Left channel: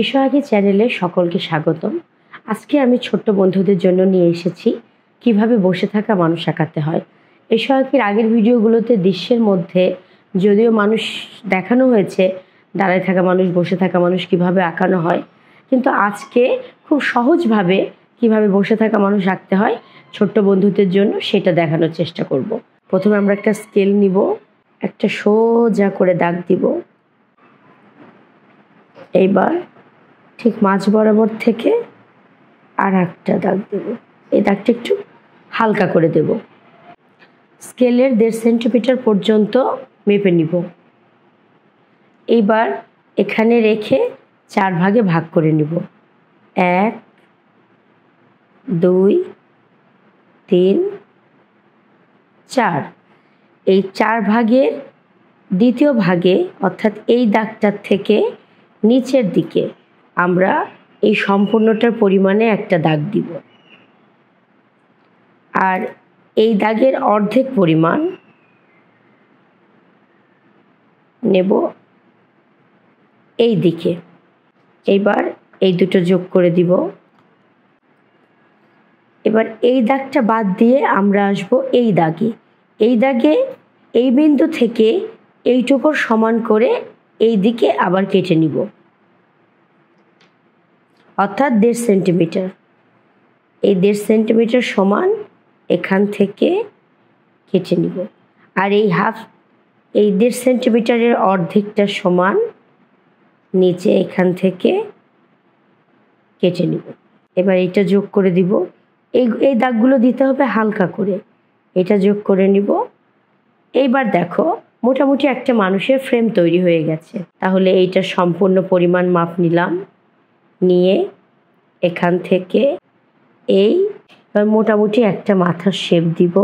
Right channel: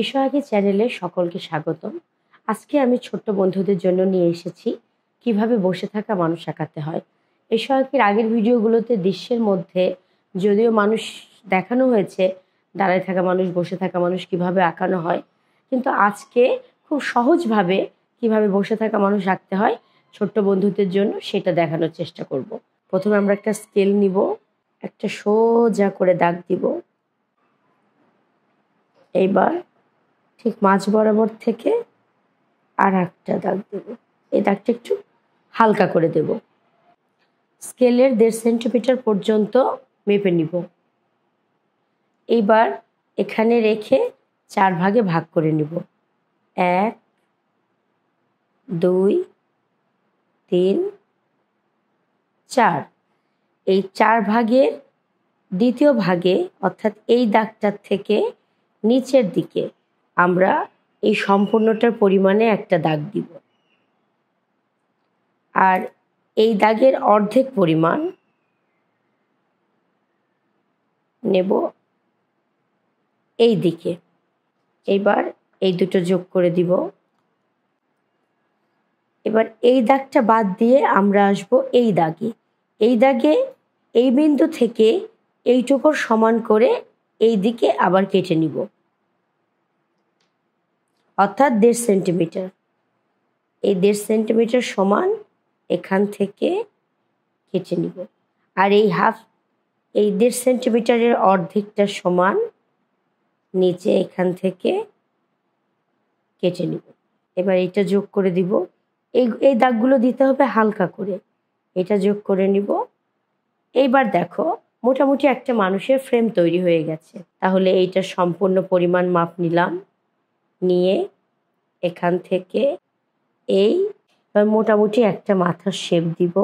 এসো আগে চ্যানেলে সকলকে স্বাগতম। আজকে আমি ছোট্ট বন্ধুদের জন্য নিয়ে এসেছি কিভাবে বসে থাকা মানুষ আঁকাতে হয়। এসো আঁকির আগের ভিডিওগুলোতে দৃশ্যের মধ্যে যদিও মানুষ দেখানো হয়েছে, দাঁড়ায় থাকা মানুষ, বসে থাকা মানুষ কিভাবে আঁকানো হয়, কিন্তু আজকে খুব সহজভাবে কিভাবে বসে থাকা মানুষ আঁকতে হয় ছোট্ট বন্ধুদের জন্য সেটা দেখানোর চেষ্টা করব। প্রথমে আমরা একটা স্কেল নিব, একটা সোজা করে দাগ দিব। এইবার ঠিক মাঝ বরাবর থেকে আর একটা দাগ দেব। এই দাগটা একটু হালকা করে দেব। স্কেলের 1.5 সেন্টিমিটার পর্যন্ত মেপে নিব। এইবার এখানে রেখে 4 ভাগে ভাগ করে নিব। 1 2 3 4। এই 4 ভাগের দ্বিতীয় ভাগে অর্থাৎ এই দাগটার থেকে নিচের দিকে আমরা এই সম্পূর্ণটার পরিমাণে একটা দাগ দিব, আর এই দাগের অর্ধেক পরিমাণ নেব এই দিকে। এইবার এই দুটো যোগ করে দিব। এবার এই দাগটা বাদ দিয়ে আমরা আসব এই দাগে। এই দাগে এই বিন্দু থেকে এইটুকুর সমান করে এই দিকে আবার কেটে নিব, অর্থাৎ 1.5 সেন্টিমিটার। এই 1.5 সেন্টিমিটার সমান এখান থেকে কেটে নিব, আর এই 1.5 সেন্টিমিটারের অর্ধেকটা সমান নিচে এখান থেকে কেটে নিব। এবার এটা যোগ করে দিব। এই দাগগুলো দিতে হবে হালকা করে। এটা যোগ করে নিব। এইবার দেখো মোটামুটি একটা মানুষের ফ্রেম তৈরি হয়ে গেছে। তাহলে এইটার সম্পূর্ণ পরিমাণ মাপ নিলাম, নিয়ে এখান থেকে এই মোটামুটি একটা মাথার শেপ দিব।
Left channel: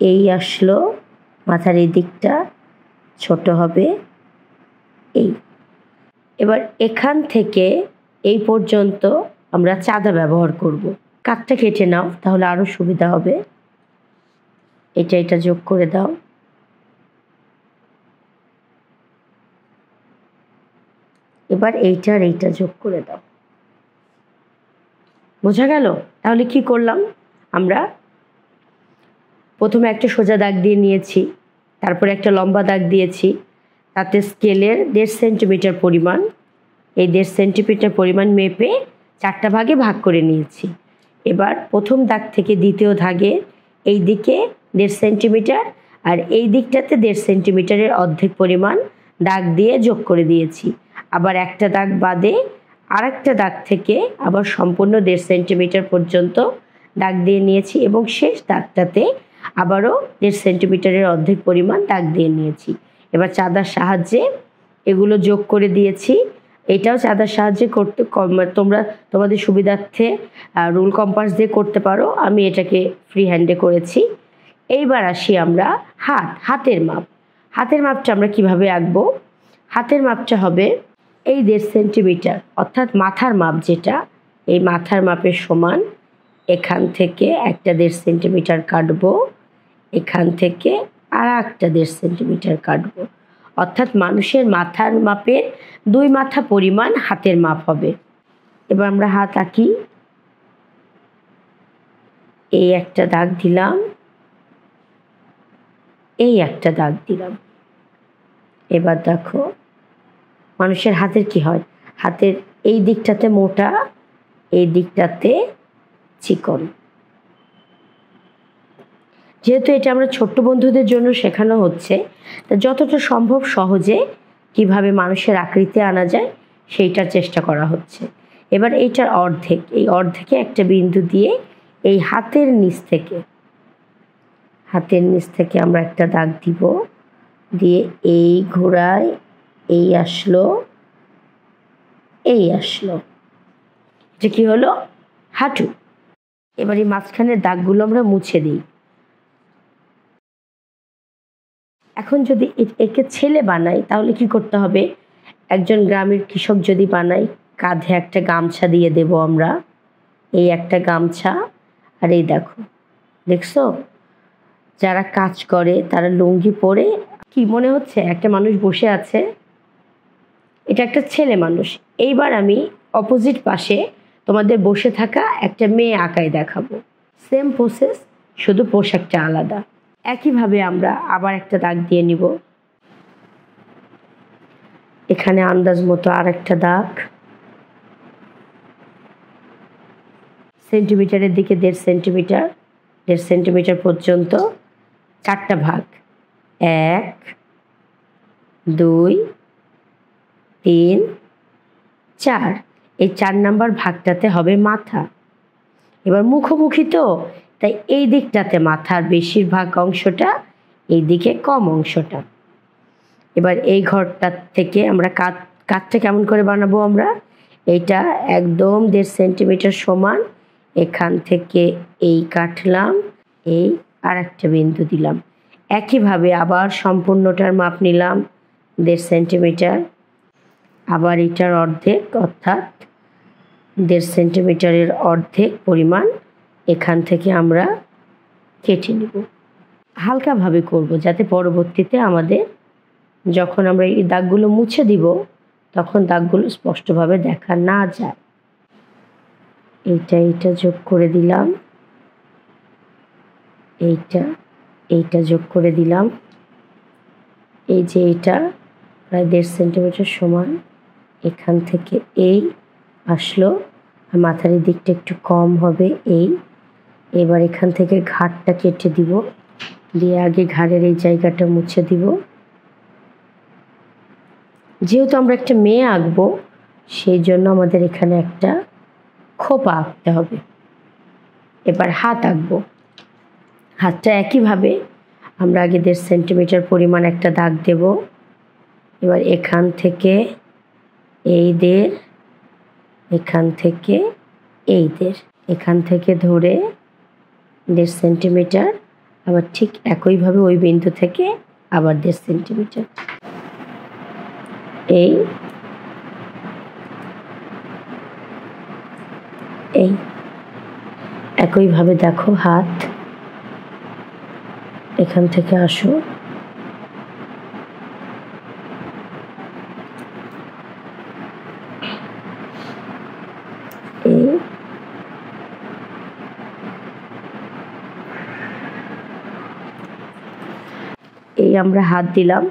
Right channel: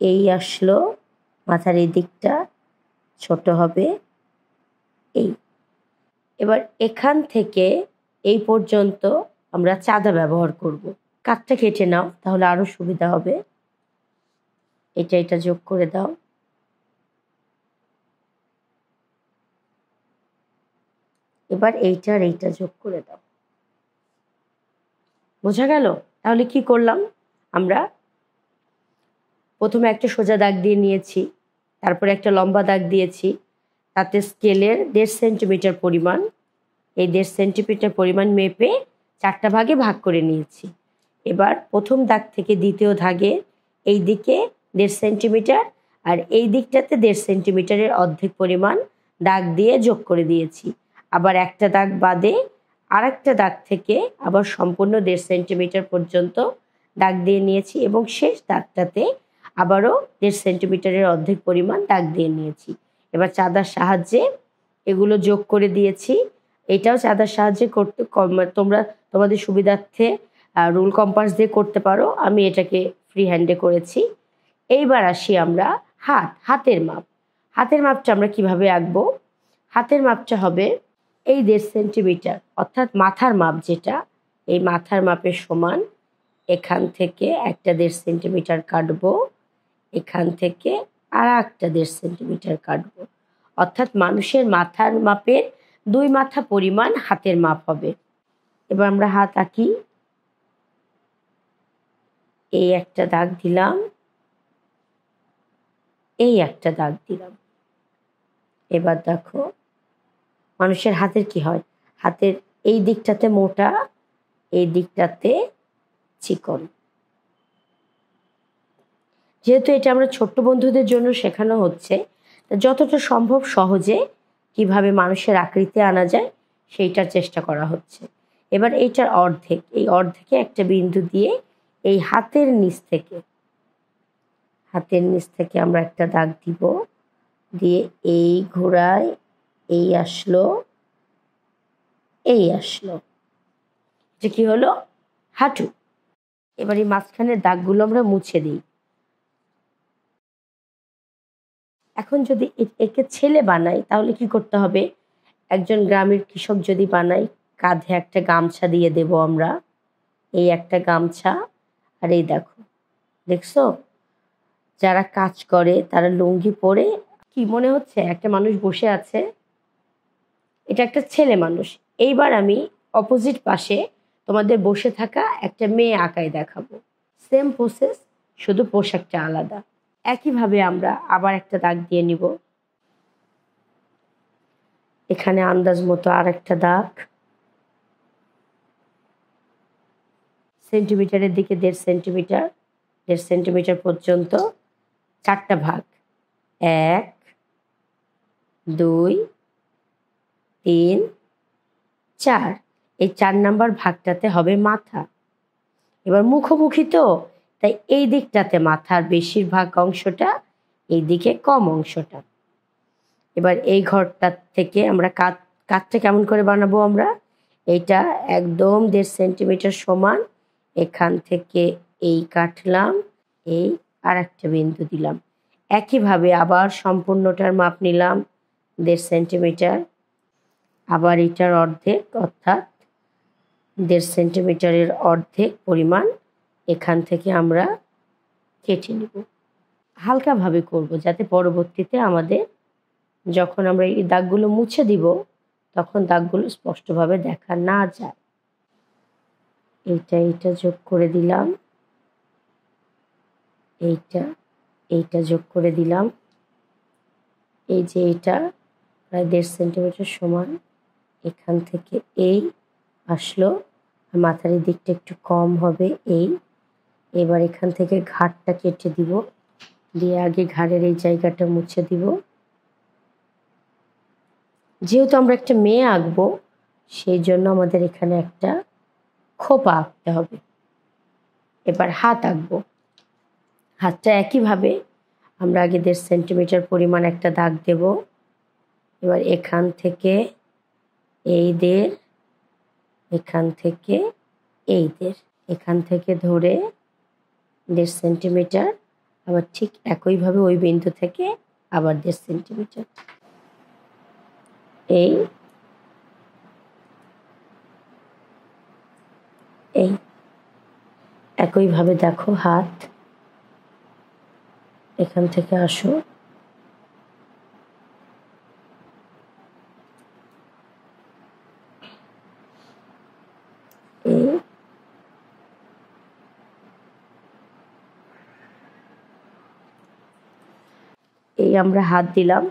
এই আসলো, মাথার এই দিকটা ছোট হবে এই। এবার এখান থেকে এই পর্যন্ত আমরা চাঁদা ব্যবহার করব। কাঠটা কেটে নাও, তাহলে আরও সুবিধা হবে। এটা যোগ করে দাও। এবার এইটা যোগ করে দাও। বোঝা গেল? তাহলে কি করলাম আমরা? প্রথমে একটা সোজা দাগ দিয়ে নিয়েছি, তারপরে একটা লম্বা দাগ দিয়েছি, তাতে স্কেলের 1.5 সেন্টিমিটার পরিমাণ, এই 1.5 সেন্টিমিটার পরিমাণ মেপে 4টা ভাগে ভাগ করে নিয়েছি। এবার প্রথম দাগ থেকে দ্বিতীয় দাগে এই দিকে 1.5 সেন্টিমিটার আর এই দিকটাতে 1.5 সেন্টিমিটারের অর্ধেক পরিমাণ দাগ দিয়ে যোগ করে দিয়েছি। আবার একটা দাগ বাদে আর একটা দাগ থেকে আবার সম্পূর্ণ 1.5 সেন্টিমিটার পর্যন্ত দাগ দিয়ে নিয়েছি এবং শেষ দাগটাতে আবারও 1.5 সেন্টিমিটারের অর্ধেক পরিমাণ দাগ দিয়ে নিয়েছি। এবার চাঁদার সাহায্যে এগুলো যোগ করে দিয়েছি। এটাও চাঁদার সাহায্যে করতে, তোমরা তোমাদের সুবিধার্থে রুল কম্পাস দিয়ে করতে পারো, আমি এটাকে ফ্রি হ্যান্ডে করেছি। এইবার আসি আমরা হাতের মাপ। হাতের মাপটা আমরা কিভাবে আঁকবো? হাতের মাপটা হবে এই 1.5 সেন্টিমিটার, অর্থাৎ মাথার মাপ যেটা, এই মাথার মাপের সমান এখান থেকে একটা 1.5 সেন্টিমিটার কাটবো, এখান থেকে আর একটা 1.5 সেন্টিমিটার কাটবো, অর্থাৎ মানুষের মাথার মাপের 2 মাথা পরিমাণ হাতের মাপ হবে। এবার আমরা হাত আঁকি। এই একটা দাগ দিলাম, এই একটা দাগ দিলাম। এবার দেখো মানুষের হাতের কি হয়, হাতের এই দিকটাতে মোটা, এই দিকটাতে চিকন। যেহেতু এটা আমরা ছোট্ট বন্ধুদের জন্য শেখানো হচ্ছে, তা যতটা সম্ভব সহজে কিভাবে মানুষের আকৃতি আনা যায় সেইটার চেষ্টা করা হচ্ছে। এবার এইটার অর্ধেক, এই অর্ধেকে একটা বিন্দু দিয়ে এই হাতের নিচ থেকে আমরা একটা দাগ দিব, দিয়ে এই ঘোড়ায় এই আসলো, এটা কি হলো? হাঁটু। এবার এই মাঝখানের দাগগুলো আমরা মুছে দিই। এখন যদি একে ছেলে বানাই তাহলে কি করতে হবে? একজন গ্রামের কৃষক যদি বানাই, কাঁধে একটা গামছা দিয়ে দেব আমরা, এই একটা গামছা। আর এই দেখছো যারা কাজ করে তারা লুঙ্গি পরে, কি মনে হচ্ছে একটা মানুষ বসে আছে? এটা একটা ছেলে মানুষ। এইবার আমি অপোজিট পাশে তোমাদের বসে থাকা একটা মেয়ে আঁকায় দেখাবো। সেম প্রসেস, শুধু পোশাকটা আলাদা। একইভাবে আমরা আবার একটা দাগ দিয়ে নিব। এখানে আন্দাজ মতো আর একটা দাগ, সেন্টিমিটারের দিকে 1.5 সেন্টিমিটার, 1.5 সেন্টিমিটার পর্যন্ত 4টা ভাগ, 1 2 3 4। এই 4 নাম্বার ভাগটাতে হবে মাথা। এবার মুখোমুখি তো, তাই এই দিকটাতে মাথার বেশিরভাগ অংশটা, এই দিকে কম অংশটা। এবার এই ঘরটা থেকে আমরা কাঠটা কেমন করে বানাবো আমরা, এইটা একদম 1.5 সেন্টিমিটার সমান, এখান থেকে এই কাটলাম, এই আর একটা বিন্দু দিলাম। একইভাবে আবার সম্পূর্ণটার মাপ নিলাম 1.5 সেন্টিমিটার, আবার এটার অর্ধেক অর্থাৎ 1.5 সেন্টিমিটারের অর্ধেক পরিমাণ এখান থেকে আমরা কেটে নেব। হালকাভাবে করব যাতে পরবর্তীতে আমাদের যখন আমরা এই দাগগুলো মুছে দিব তখন দাগগুলো স্পষ্টভাবে দেখা না যায়। এইটা যোগ করে দিলাম, এইটা যোগ করে দিলাম। এই যে এইটা প্রায় 1.5 সেন্টিমিটার সমান, এখান থেকে এই আসলো, আর মাথার দিকটা একটু কম হবে এই। এবার এখান থেকে ঘাড়টা কেটে দিব, দিয়ে আগে ঘাড়ের এই জায়গাটা মুছে দিব। যেহেতু আমরা একটা মেয়ে আঁকবো সেই জন্য আমাদের এখানে একটা খোপা আঁকতে হবে। এবার হাত আঁকবো। হাতটা একইভাবে আমরা আগে 1.5 সেন্টিমিটার পরিমাণ একটা দাগ দেব। এবার এখান থেকে এই 1.5, এখান থেকে এই 1.5, এখান থেকে ধরে 1.5 সেন্টিমিটার, আবার ঠিক একইভাবে ওই বিন্দু থেকে আবার 1.5 সেন্টিমিটার। এই একইভাবে দেখো হাত এখান থেকে আসো, এই আমরা হাত দিলাম।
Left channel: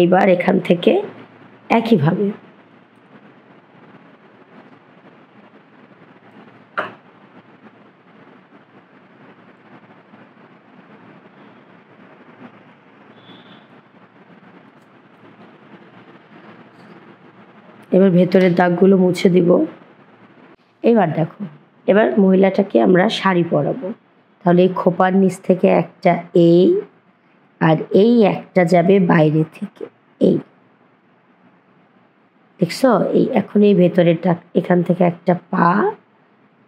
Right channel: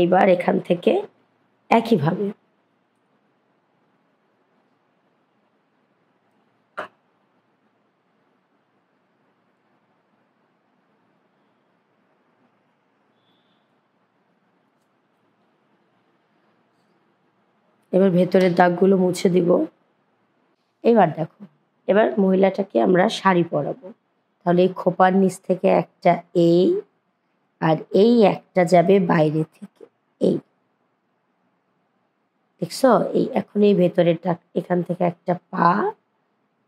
এইবার এখান থেকে একইভাবে এবার ভেতরের দাগগুলো মুছে দিব। এবার দেখো, এবার মহিলাটাকে আমরা শাড়ি পরাবো। তাহলে এই খোপার নিচ থেকে একটা এই, আর এই একটা যাবে বাইরে থেকে এই, দেখছ? এই এখন এই ভেতরের দাগ, এখান থেকে একটা পা,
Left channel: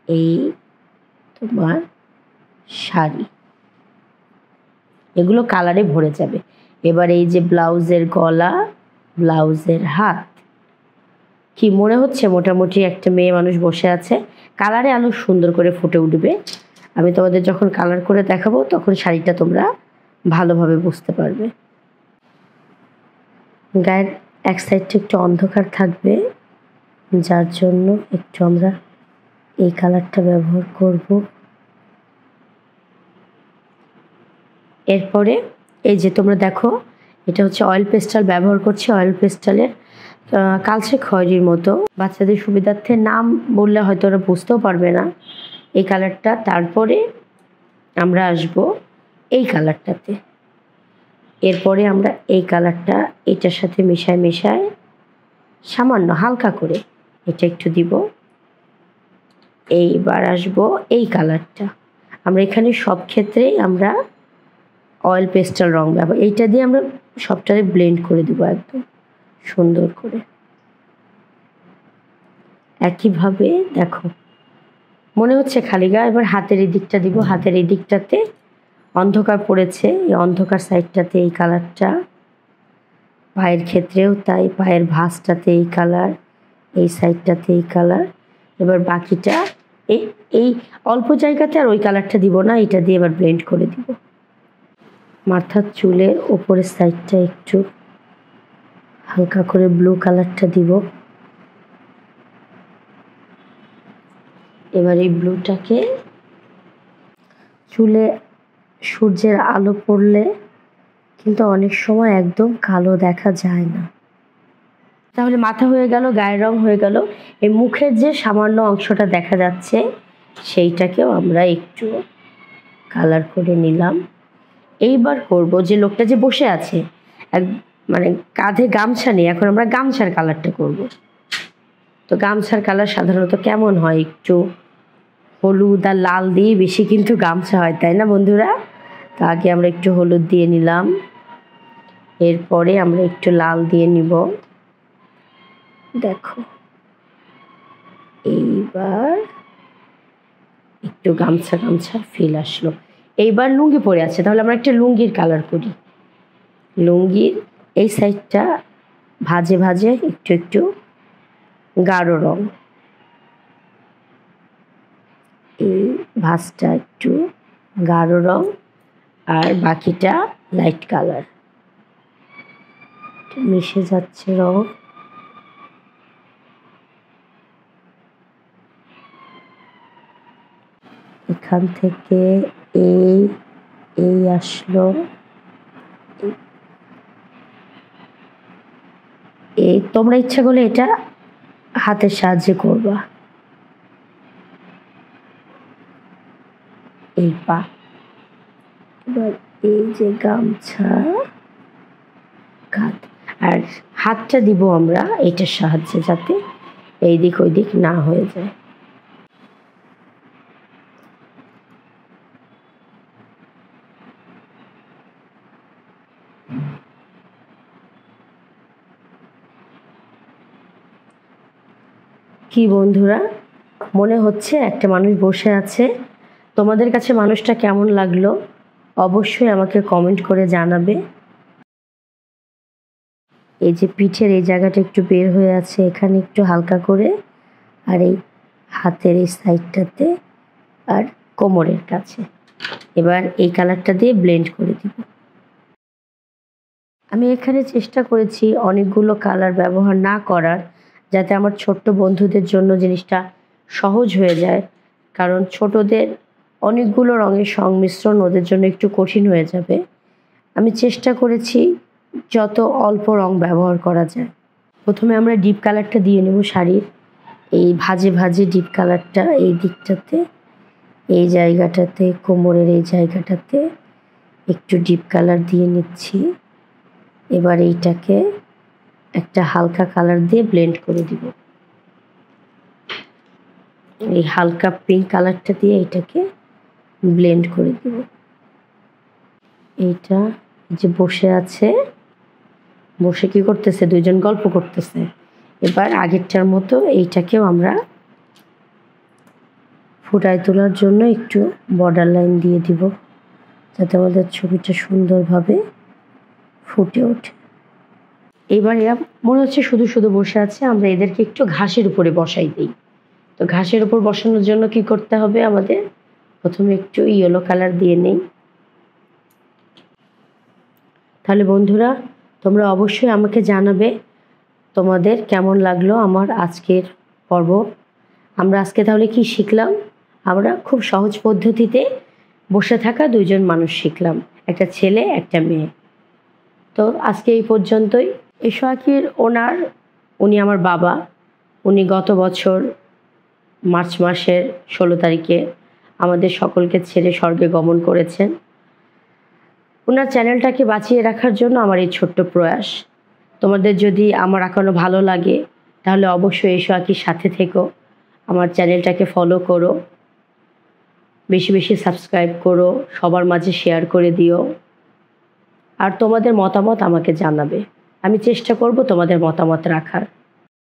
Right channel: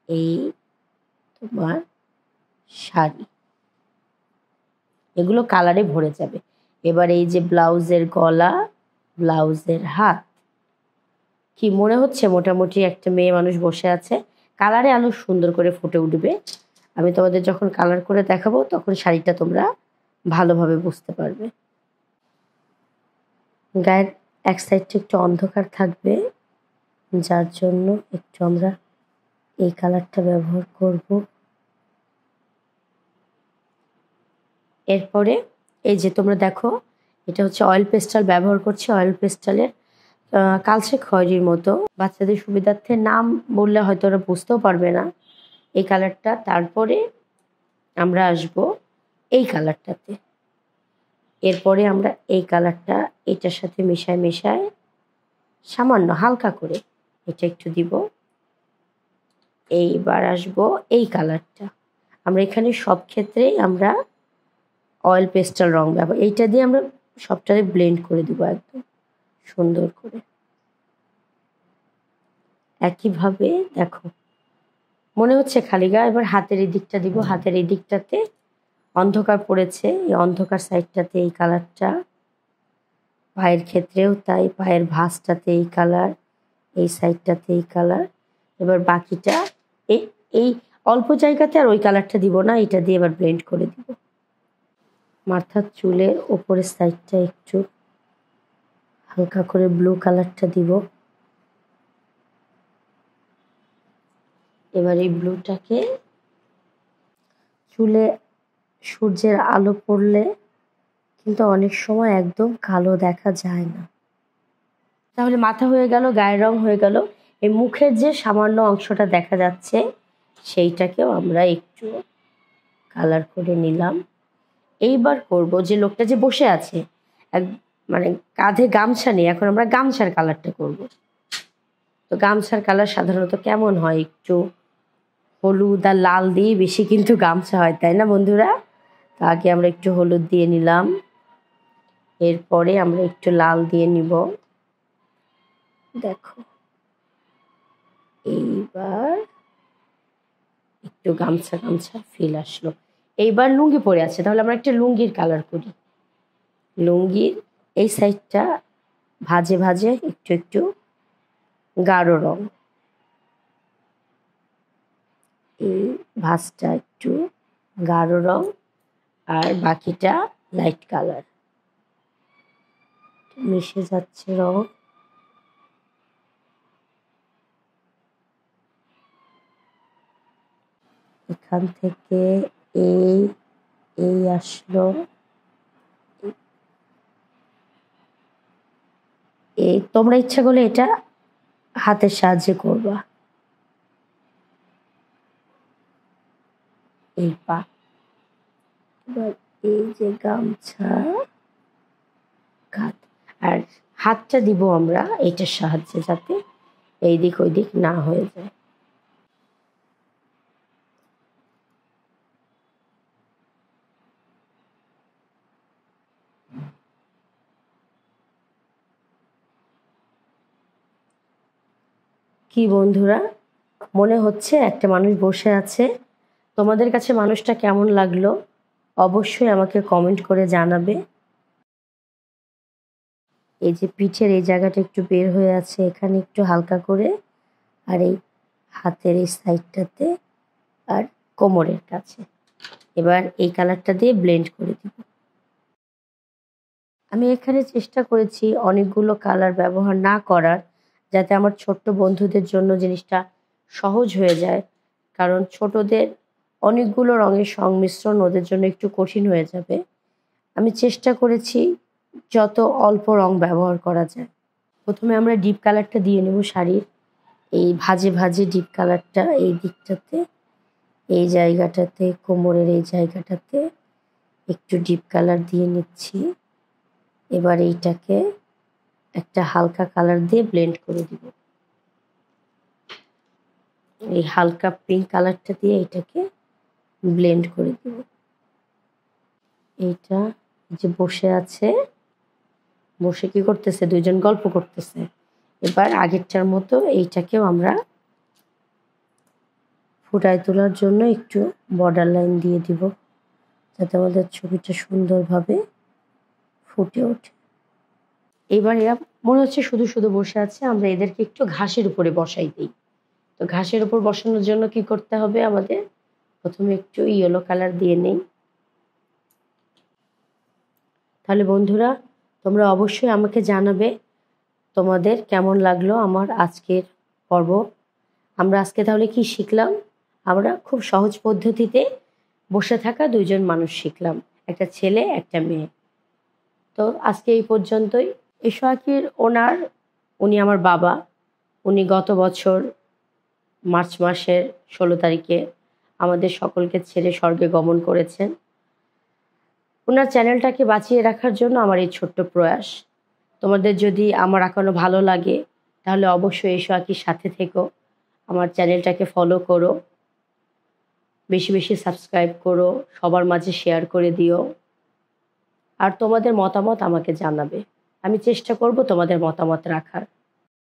এই তোমার শাড়ি, এগুলো কালারে ভরে যাবে। এবার এই যে ব্লাউজের গলা, ব্লাউজের হাত, কি মনে হচ্ছে মোটামুটি একটা মেয়ে মানুষ বসে আছে। কালারে আলো সুন্দর করে ফুটে উঠবে। আমি তোমাদের যখন কালার করে দেখাবো তখন শাড়িটা তোমরা ভালোভাবে বুঝতে পারবে। গায়ের এক সাইডটা একটু অন্ধকার থাকবে, যার জন্য একটু আমরা এই কালারটা ব্যবহার করব। এরপরে এই যে তোমরা দেখো, এটা হচ্ছে অয়েল পেস্টাল ব্যবহার করছি। অয়েল পেস্টালের কালচে খয়েরির মতো, বাচ্চাদের সুবিধার্থে নাম বললে হয়তো ওরা বুঝতেও পারবে না এই কালারটা। তারপরে আমরা আসব এই কালারটাতে। এরপরে আমরা এই কালারটা এটার সাথে মেশায় সামান্য হালকা করে এটা একটু দিব। এইবার আসব এই কালারটা। আমরা এখানে সব ক্ষেত্রেই আমরা অয়েল পেস্টাল রং ব্যবহার, এইটা দিয়ে আমরা সবটাতে ব্লেন্ড করে দেবো একদম সুন্দর করে। একইভাবে দেখো মনে হচ্ছে খালি গা। এবার হাতের এই দিকটা দিব। হাতের এই দিকটাতে অন্ধকার পড়েছে, এই অন্ধকার সাইডটাতে এই কালারটা, পায়ের ক্ষেত্রেও তাই, পায়ের ভাঁজটাতে এই কালার, এই সাইডটাতে এই কালার। এবার বাকিটা এই অল্প জায়গাতে আর ওই কালারটা দিব না, এটা দিয়ে এবার ব্লেন্ড করে দিব। মাথার চুলের ওপরের সাইডটা একটু হালকা করে ব্লু কালারটা দিব। এবার এই ব্লুটাকে চুলে সূর্যের আলো পড়লে কিন্তু অনেক সময় একদম কালো দেখা যায় না। তাহলে মাথা হয়ে গেল, গায়ের রং হয়ে গেল। এই মুখের যে সামান্য অংশটা দেখা যাচ্ছে সেইটাকেও আমরা একটু কালার করে নিলাম। এইবার করব যে লোকটা যে বসে আছে মানে কাঁধে গামছা নেই, এখন আমরা গামছার কালারটা করব। তো গামছার কালার সাধারণত কেমন হয়, একটু হলুদ আর লাল দিয়ে বেশি কিন্তু গামছা হয়, তাই না বন্ধুরা? তো আগে আমরা একটু হলুদ দিয়ে নিলাম, এরপরে আমরা একটু লাল দিয়ে নিব। দেখো এইবার একটু গামছা গামছা ফিল আসলো। এইবার লুঙ্গি পরে আছে, তাহলে আমরা একটা লুঙ্গির কালার করি। লুঙ্গির এই সাইডটা ভাজে ভাজে একটু একটু গাঢ় রং, এই ভাঁজটা একটু গাঢ় রং আর বাকিটা লাইট কালার। মিশে যাচ্ছে রং। এখান থেকে এই এই আসলো, এই তোমরা ইচ্ছা করলে এটা হাতের সাহায্যে করবা। এই পা, এবার এই যে গামছা কাঁধ, আর হাতটা দিব আমরা এটার সাহায্যে যাতে এই দিক ওই দিক না হয়ে যায়। কি বন্ধুরা, মনে হচ্ছে একটা মানুষ বসে আছে? তোমাদের কাছে মানুষটা কেমন লাগলো অবশ্যই আমাকে কমেন্ট করে জানাবে। এই যে পিঠের এই জায়গাটা একটু বের হয়ে আছে, এখানে একটু হালকা করে, আর এই হাতের এই সাইডটাতে আর কোমরের কাছে। এবার এই কালারটা দিয়ে ব্লেন্ড করে দিব। আমি এখানে চেষ্টা করেছি অনেকগুলো কালার ব্যবহার না করার, যাতে আমার ছোট্ট বন্ধুদের জন্য জিনিসটা সহজ হয়ে যায়, কারণ ছোটদের অনেকগুলো রঙের সংমিশ্রণ ওদের জন্য একটু কঠিন হয়ে যাবে। আমি চেষ্টা করেছি যত অল্প রং ব্যবহার করা যায়। প্রথমে আমরা ডিপ কালারটা দিয়ে নেব শাড়ির এই ভাজে ভাজে ডিপ কালারটা এই দিকটাতে, এই জায়গাটাতে, কোমরের এই জায়গাটাতে একটু ডিপ কালার দিয়ে নিচ্ছি। এবার এইটাকে একটা হালকা কালার দিয়ে ব্লেন্ড করে দিব। এই হালকা পিঙ্ক কালারটা দিয়ে এটাকে ব্লেন্ড করে দিব। এইটা যে বসে আছে, বসে কি করতেছে, দুইজন গল্প করতেছে। এবার আগেরটার মতো এইটাকেও আমরা ফুটায় তোলার জন্য একটু বর্ডার লাইন দিয়ে দিব, যাতে আমাদের ছবিটা সুন্দরভাবে ফুটে ওঠে। এবার এরা মনে হচ্ছে শুধু শুধু বসে আছে, আমরা এদেরকে একটু ঘাসের উপরে বসাই দিই। তো ঘাসের উপর বসানোর জন্য কি করতে হবে আমাদের, প্রথমে একটু ইয়েলো কালার দিয়ে নেই। তাহলে বন্ধুরা তোমরা অবশ্যই আমাকে জানাবে তোমাদের কেমন লাগলো আমার আজকের পর্ব। আমরা আজকে তাহলে কি শিখলাম, আমরা খুব সহজ পদ্ধতিতে বসে থাকা দুইজন মানুষ শিখলাম, একটা ছেলে একটা মেয়ে। তো আজকে এই পর্যন্তই। এশোয়াকির উনি আমার বাবা। উনি গত বছর মার্চ মাসের 16 তারিখে আমাদের সকলকে ছেড়ে স্বর্গে গমন করেছেন। ওনার চ্যানেলটাকে বাঁচিয়ে রাখার জন্য আমার এই ছোট্ট প্রয়াস। তোমাদের যদি আমার আঁকানো ভালো লাগে তাহলে অবশ্যই এশোয়াকির সাথে থেকো, আমার চ্যানেলটাকে ফলো করো, বেশি বেশি সাবস্ক্রাইব করো, সবার মাঝে শেয়ার করে দিও, আর তোমাদের মতামত আমাকে জানাবে। আমি চেষ্টা করব তোমাদের মতামত রাখার।